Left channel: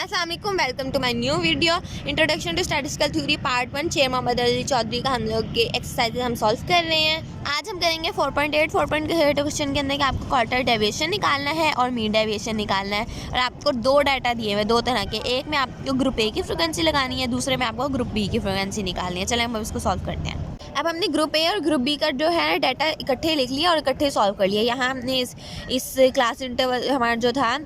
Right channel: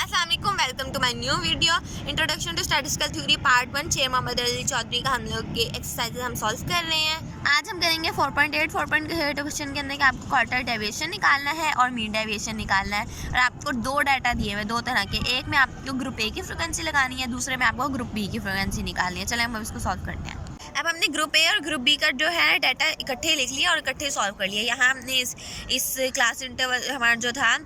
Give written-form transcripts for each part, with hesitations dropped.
अस्सलाम वालेकुम, welcome to my new video introduction to statistical theory part 1 Sher Mohammad Ali Chaudhary का हम लोग के एक्सरसाइजेज हम सॉल्व कर रहे हैं। आज हम करेंगे 4.8 क्वेश्चन के अंदर कि आपको क्वार्टर डेविएशन निकालना है और मीन डेविएशन निकालना है और आपको दो डाटा दिए हुए दो तरह के, एक में आपको ग्रुप ए की फ्रीक्वेंसी लगानी है, दूसरे में आपको ग्रुप बी की फ्रीक्वेंसी निकालनी है। चले हम इसको सॉल्व करते हैं। अब हमने ग्रुप ए और ग्रुप बी का जो है डाटा इकट्ठे लिख लिया और इकट्ठे सॉल्व कर लिया। यहाँ हमने इस क्लास इंटरवल हमारा जो था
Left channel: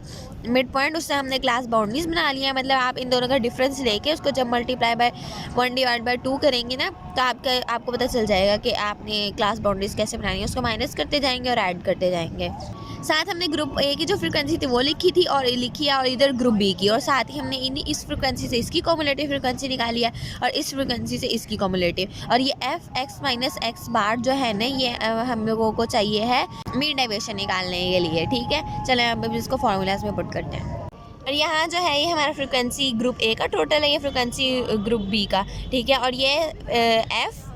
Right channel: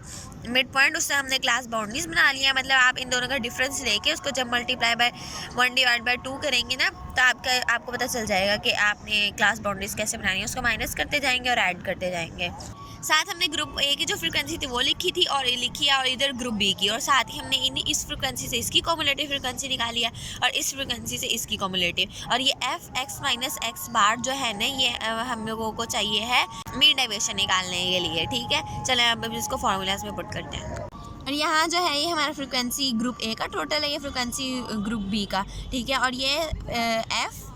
मिड पॉइंट, उससे हमने क्लास बाउंड्रीज बना लिया। मतलब आप इन दोनों का डिफरेंस लेके उसको जब मल्टीप्लाई बाय 1/2 करेंगे ना, तो आपको पता चल जाएगा कि आपने क्लास बाउंड्रीज कैसे बनानी है। उसको माइनस करते जाएंगे और ऐड करते जाएंगे। साथ हमने ग्रुप ए की जो फ्रीक्वेंसी थी वो लिखी थी और लिखी है, और इधर ग्रुप बी की, और साथ ही हमने इस फ्रीक्वेंसी से इसकी कॉमुलेटिव फ्रीक्वेंसी निकाली है और इस फ्रीक्वेंसी से इसकी कॉमुलेटिव। और ये एफ एक्स माइनस एक्स बार जो है ना, ये हम लोगों को चाहिए है मीन डेविएशन निकालने के लिए। ठीक है, चलें अब इसको फॉर्मूलाज में पुट करते हैं। और यहाँ जो है ये हमारा फ्रीक्वेंसी ग्रुप ए का टोटल है, ये फ्रीक्वेंसी ग्रुप बी का। ठीक है, और ये F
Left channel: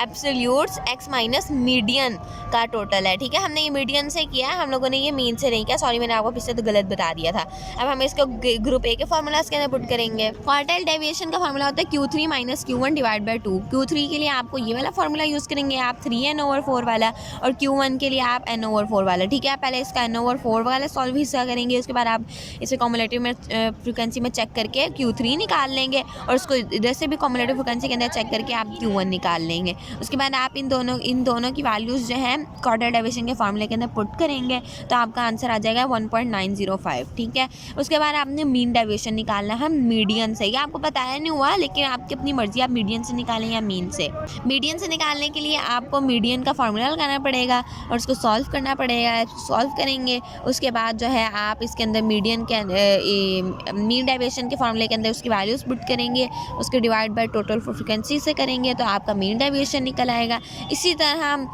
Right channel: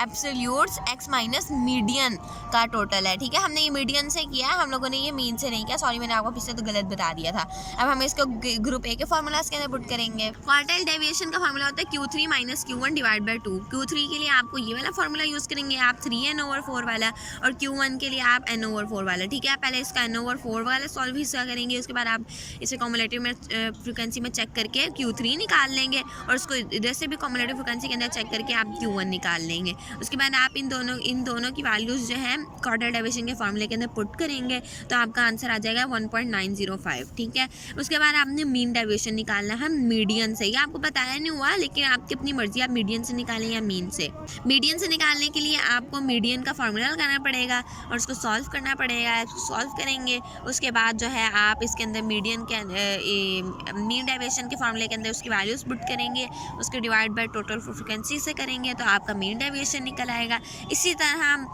absolutes x minus median का टोटल है। ठीक है, हमने ये मीडियन से किया, हम लोगों ने ये मीन से नहीं किया। सॉरी, मैंने आपको पीछे तो गलत बता दिया था। अब हम इसको ग्रुप ए के फार्मूलाज के अंदर पुट करेंगे। क्वार्टाइल डेविएशन का फार्मूला होता है Q3 minus Q1 divide by 2। Q3 के लिए आपको ये वाला फार्मूला यूज़ करेंगे आप 3n/4 वाला, और Q1 के लिए आप n/4 वाला। ठीक है, पहले इसका n/4 वाला सॉल्व हिस्सा करेंगे, उसके बाद आप इसे कॉमुलेटिव में फ्रिक्वेंसी में चेक करके Q3 निकाल लेंगे और उसको इधर से भी कॉमुलेटिव फ्रिक्वेंसी के अंदर चेक करके आप Q1 निकाल लेंगे। उसके बाद आप इन दोनों की वैल्यूज़ जो है क्वार्टर डेविएशन के फार्मूले के अंदर पुट करेंगे, तो आपका आंसर आ जाएगा 1.905। ठीक है, उसके बाद आपने मीन डेविएशन निकालना है मीडियन से। ये आपको बताया नहीं हुआ, लेकिन आपकी अपनी मर्जी, आप मीडियन से निकालें या मीन से। मीडियन से निकालने के लिए आपको मीडियन का फार्मूला लगाना पड़ेगा और उसको सॉल्व करना पड़ेगा। सॉल्व करेंगे, उसके बाद जो है आप इसके अंदर मीडियन के मीन डेविएशन के फार्मूले के अंदर उसकी वैल्यूज़ पुट करेंगे, उसके डिवाइड बाय टोटल फ्रीक्वेंसी से करेंगे, तो आपका मीन डेविएशन निकल आएगा। इसी तरह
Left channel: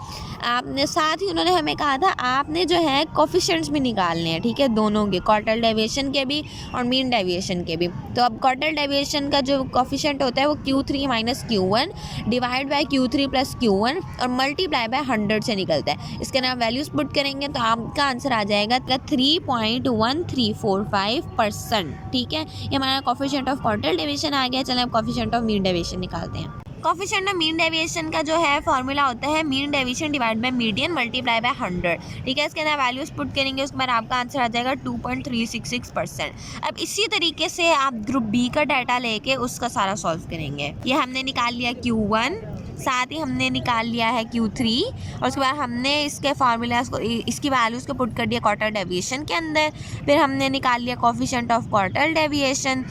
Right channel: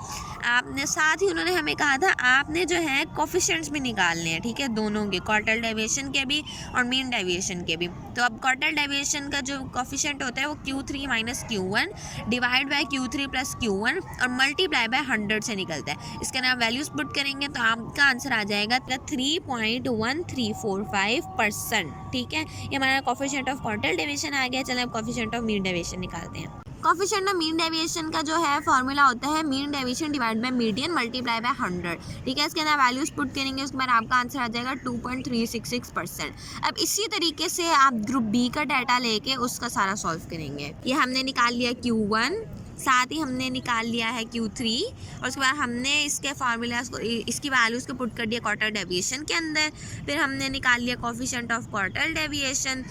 आपने साथ ही उन्होंने हमें कहा था आपने जो है कोफिशिएंट्स भी निकालने हैं। ठीक है, दोनों के, क्वार्टर डेविएशन के भी और मीन डेविएशन के भी। तो अब क्वार्टर डेविएशन का जो कोफिशिएंट होता है वो Q3 minus Q1 divide by Q3 plus Q1 और मल्टीप्लाई बाय 100 से निकलता है। इसके अंदर आप वैल्यूज़ पुट करेंगे तो आपका आंसर आ जाएगा 3.1345%। ठीक है, ये हमारा कोफिशिएंट ऑफ क्वार्टर डेविएशन आ गया। चलें अब कोफिशिएंट ऑफ मीन डेविएशन निकालते हैं। कोफिशिएंट ऑफ मीन डेविएशन का जो है फॉर्मूला होता है mean deviation divide by median multiply by 100। ठीक है, इसके अंदर वैल्यूज पुट करेंगे, उसके बाद आपका आंसर आ जाएगा 2.366%। अब इसी तरीके से आप ग्रुप बी का डाटा लेके उसका सारा सॉल्व करेंगे। ये हमने निकाल लिया Q1, साथ ही हमने निकाल लिया है Q3, और उसके बाद हमने इसके फार्मूलाज को, इसकी वैल्यूज़ को पुट कर दिया क्वार्टर डेविएशन के अंदर। फिर हमने निकाल लिया कोफिशिएंट ऑफ क्वार्टर डेविएशन।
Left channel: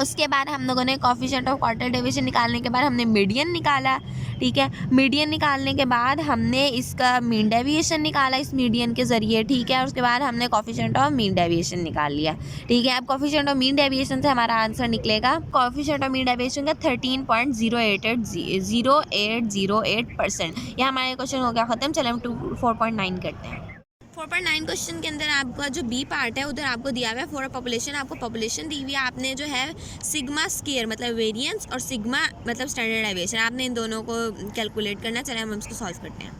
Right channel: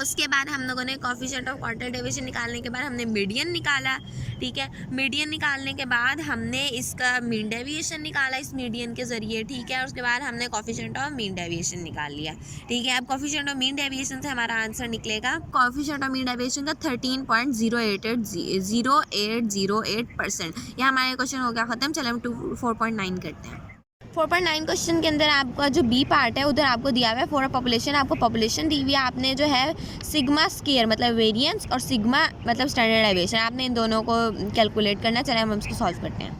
उसके बाद हम लोगों ने कोफिशिएंट ऑफ क्वार्टर डेविएशन निकालने के बाद हमने मीडियन निकाला। ठीक है, मीडियन निकालने के बाद हमने इसका मीन डेविएशन निकाला इस मीडियन के ज़रिए। ठीक है, और उसके बाद हमने कोफिशिएंट ऑफ मीन डेविएशन निकाल लिया। ठीक है, अब कोफिशिएंट ऑफ मीन डेविएशन से हमारा आंसर निकलेगा, कोफिशिएंट ऑफ मीन डेविएशन का 13.0808%। यह हमारा क्वेश्चन हो गया ख़त्म। चले हम 4.9 करते हैं। 4.9 क्वेश्चन के अंदर आपका जो बी पार्ट है उधर आपको दिया हुआ है फॉर पॉपुलेशन। आपको पॉपुलेशन दी हुई है, आपने जो है सिग्मा स्केयर मतलब वेरिएंस और सिग्मा मतलब स्टैंडर्ड डेविएशन, आपने इन दोनों को कैलकुलेट करना है। चले हम इसको सॉल्व करते हैं।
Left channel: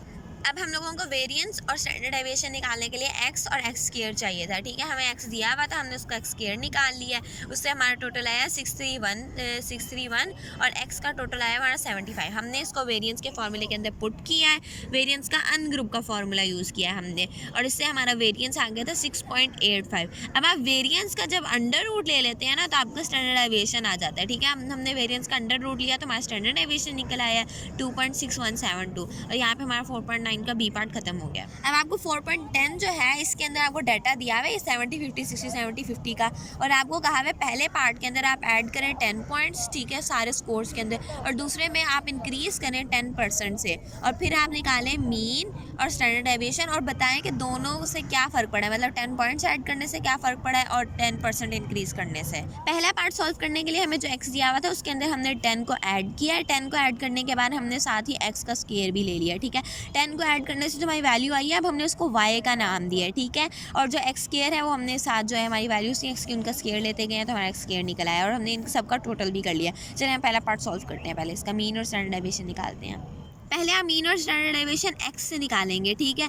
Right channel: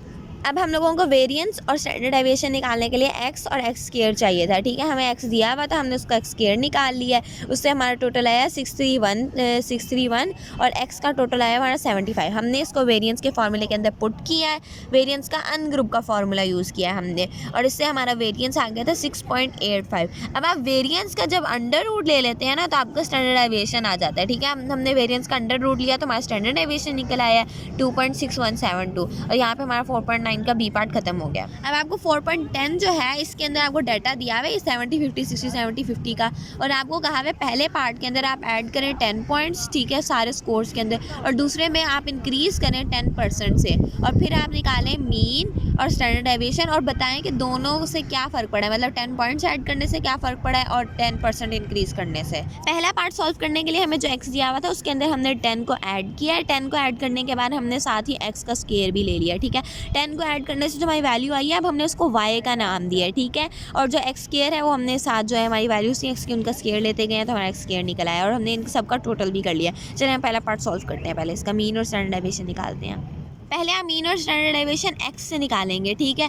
अब हम लोगों को वेरिएंस और स्टैंडर्ड डेविएशन निकालने के लिए एक्स और एक्स स्केयर चाहिए था। ठीक है, हमें एक्स दिया हुआ था, हमने उसका एक्स स्केयर निकाल लिया। उससे हमारा टोटल आया 631 और एक्स का टोटल आया हमारा 75। हमने इसको वेरिएंस के फार्मूले के अंदर पुट किया है, वेरिएंस का अन ग्रुप का फार्मूला यूज़ किया हमने, और इससे हमारा वेरिएंस आ गया था 6.85। अब आप वेरिएंस का जब अंडर रूट ले लेते हैं ना, तो आपका स्टैंडर्ड डेविएशन आ जाता है। ठीक है, हमने वेरिएंस का अंडर रूट लिया तो हमारा स्टैंडर्ड डेविएशन निकल आया 2.6172, और यहाँ पे हमारा 4.9 का बी पार्ट खत्म हो गया। अब आपको 4.10 जो है इसके अंदर आपको डाटा दिया हुआ है 70 50 60 70 50 का, और आपको कहा हुआ है पहले पार्ट के अंदर आप ऐड करें 10 पॉइंट्स। ठीक है, सारे स्कोर्स के अंदर, और दूसरे में आप इंक्रीज करें 10% से, और फिर आप निकालें मीन और स्टैंडर्ड डेविएशन और बताएं कि दोनों से क्या फ़र्क पड़ा है, मतलब 10 पॉइंट्स ऐड करने से क्या फ़र्क पड़ा है और 10% इंक्रीज करने से। पहला पार्ट सॉल्व करने के लिए हमें जो एक्स दिया हुआ था उसके अंदर हमने 10 को ऐड किया। 10 को ऐड करने के बाद हमने साथ ही एक्स का स्केयर भी ले लिया। ठीक है, 10 को ऐड करने से जो हमारी वैल्यू आई है, अब हमने उसको y का नाम दिया है। ठीक है, और जो एक्स स्केयर है वो हमने साथ जो है हमारी वैल्यूज थी एक्स की उनका स्केयर लेते गए हैं, तो हमारा एक्स स्केयर निकल आया और हमने इन सबका टोटल भी कर लिया। चलिए हम पहला पार्ट सॉल्व करते हैं। पहले इसका मीन और स्टैंडर्ड डेविएशन निकालते हैं। पहले आप मीन और स्टैंडर्ड डेविएशन x से निकालेंगे, ठीक है।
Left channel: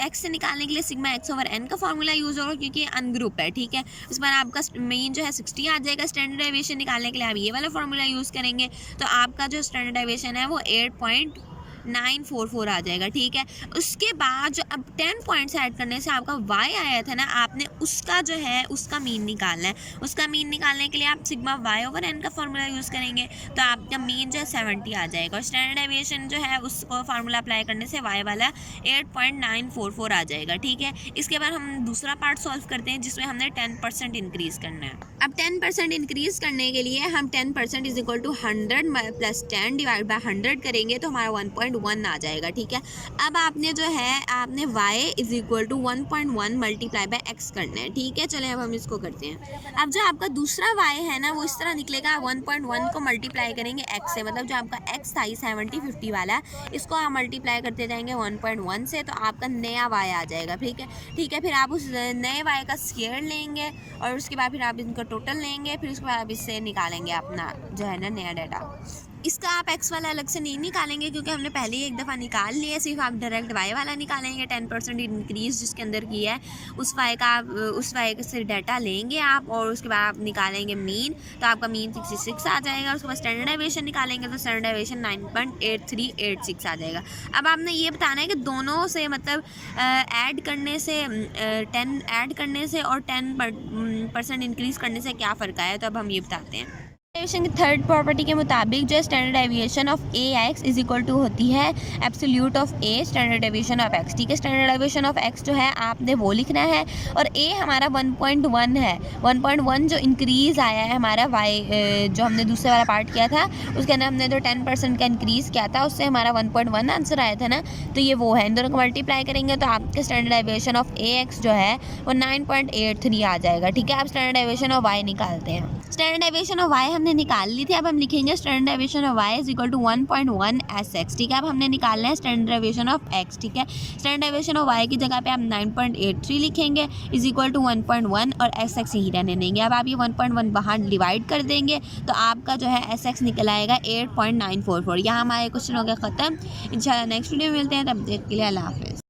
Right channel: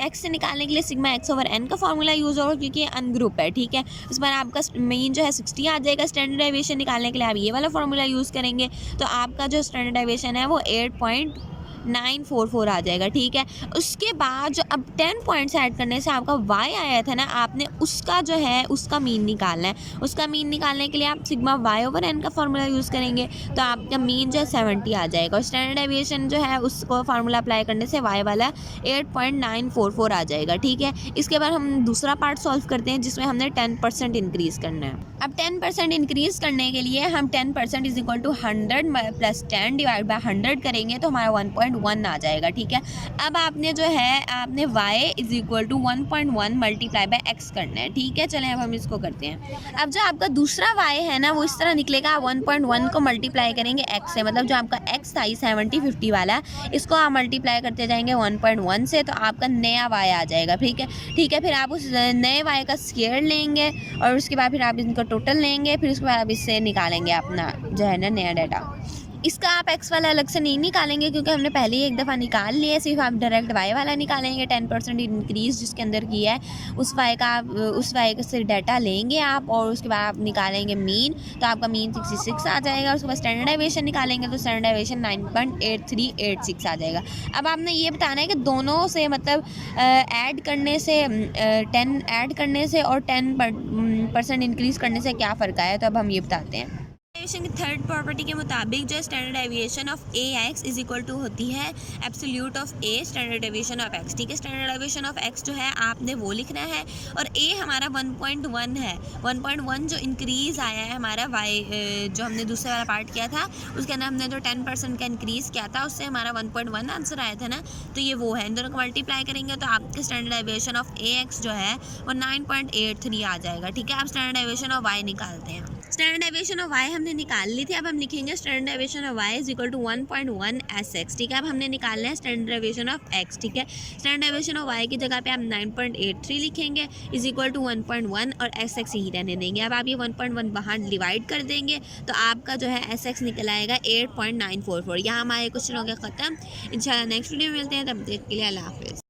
x से निकालने के लिए सिग्मा x ओवर n का फॉर्मूला यूज़ होगा क्योंकि अनग्रुप है, ठीक है। इस बार आपका मीन जो है 60 आ जाएगा। स्टैंडर्ड डेविएशन निकालने के लिए आप ये वाला फॉर्मूला यूज़ करेंगे, तो आपका जो स्टैंडर्ड डेविएशन है वो 8.944 आ जाएगा, ठीक है। उसके बाद जो अब 10 पॉइंट्स ऐड करने से आपका y आया था ना, आपने उसका जो है उसका मीन निकालना है। उसका मीन निकालने के लिए आप सिग्मा y ओवर n का फॉर्मूला यूज़ करेंगे, तो आपका मीन जो है 70 आ जाएगा। और स्टैंडर्ड डेविएशन जो है उसको फार्मूला अप्लाई करने से y वाला 8.944 आ जाएगा, ठीक है। इसके बाद हम दूसरा पार्ट सॉल्व करते हैं जिसमें हमने 10% इंक्रीज़ करना है। अब 10% इंक्रीज़ करने के लिए हम 10% is equal to 100 plus 10 divide by 100 करेंगे, तो हमारा 1.1 आ जाएगा, ठीक है। अब आपने जो है आपने y is equal to 1.1 multiply by x करना है, ठीक है। चलें अब हम इसको करते हैं। अब जो आपका दूसरा y है ना वो इस तरह निकलेगा, आप 1.1 को मल्टीप्लाई करेंगे x से, मतलब जो आपका x था 70-50 वाला है, इसको आप मल्टीप्लाई करते जाएंगे 1.1 से, तो आपका नया y आ जाएगा, ठीक है। ठीक है, फिर आप उस नए y का स्क्वायर लेंगे और उसके बाद फिर आप इनका टोटल लेंगे, फिर उसके बाद आप इससे निकालेंगे अपना जो है ना नया डाटा। इसका आप x वाला अलग से नहीं निकालेंगे क्योंकि हमने पहले ही एक दफ़ा निकाल लिया है, सिर्फ आप डायरेक्ट y वाला निकालेंगे। 10% इंक्रीज़ जिसके अंदर किया है उस y का आप उस y से डाटा लेंगे आप, और उसके बाद आप निकालेंगे मीन, तो आपका मीन 66 आ जाएगा। उसके बाद स्टैंडर्ड डेविएशन निकालेंगे तो स्टैंडर्ड डेविएशन 9.8386 आ जाएगा। अब आपने ये बताना है कि दोनों से मतलब ऐड करने से 10 ऐड करने से और 10% इंक्रीज़ करने से क्या फ़र्क आया, तो अब हम ये बताते हैं। डेविएशन की थर्ड प्रॉपर्टी के मुताबिक जो standard deviation of A X is equal to होती है absolute of A standard deviation of X, ठीक है। स्टैंडर्ड डेविएशन ऑफ एक्स जो है आपने वो लिखना है, और ए हमारा 1.1 है। 1.1 जो इंक्रीज़ आया है हमारा वाई जो हमने दूसरे वाला पार्ट किया था उसके अंदर हमने जो 10% का इंक्रीज़ किया था उससे हमारा 1.1 आंसर आया था ना, तो ये वो है। इन दोनों को मल्टीप्लाई करेंगे तो आपका standard deviation of A x जो है वो 9.83 आ जाएगा, ठीक है। आप स्टैंडर्ड डेविएशन ऑफ वाई निकालते हैं। स्टैंडर्ड डेविएशन ऑफ वाई हमने निकाल ली थी, अब हम लिखेंगे standard deviation of y is equal to 1.1 sx, ठीक है। अब हमने निकालना है स्टैंडर्ड डेविएशन ऑफ x, ठीक है। स्टैंडर्ड डेविएशन ऑफ y की जगह पे आप 9.83 लिखेंगे इज इक्वल टू 1.1 और sx ही रहने देंगे। अब आप ये 1.1 बाहर डिवाइड कर देंगे तो आपका जो है sx निकल आएगा 8.944। यहाँ हमारे क्वेश्चन हो गया ख़त्म। इंशाल्लाह नेक्स्ट वीडियो में मिलते हैं, तब तक के लिए अल्लाह हाफ़िज़।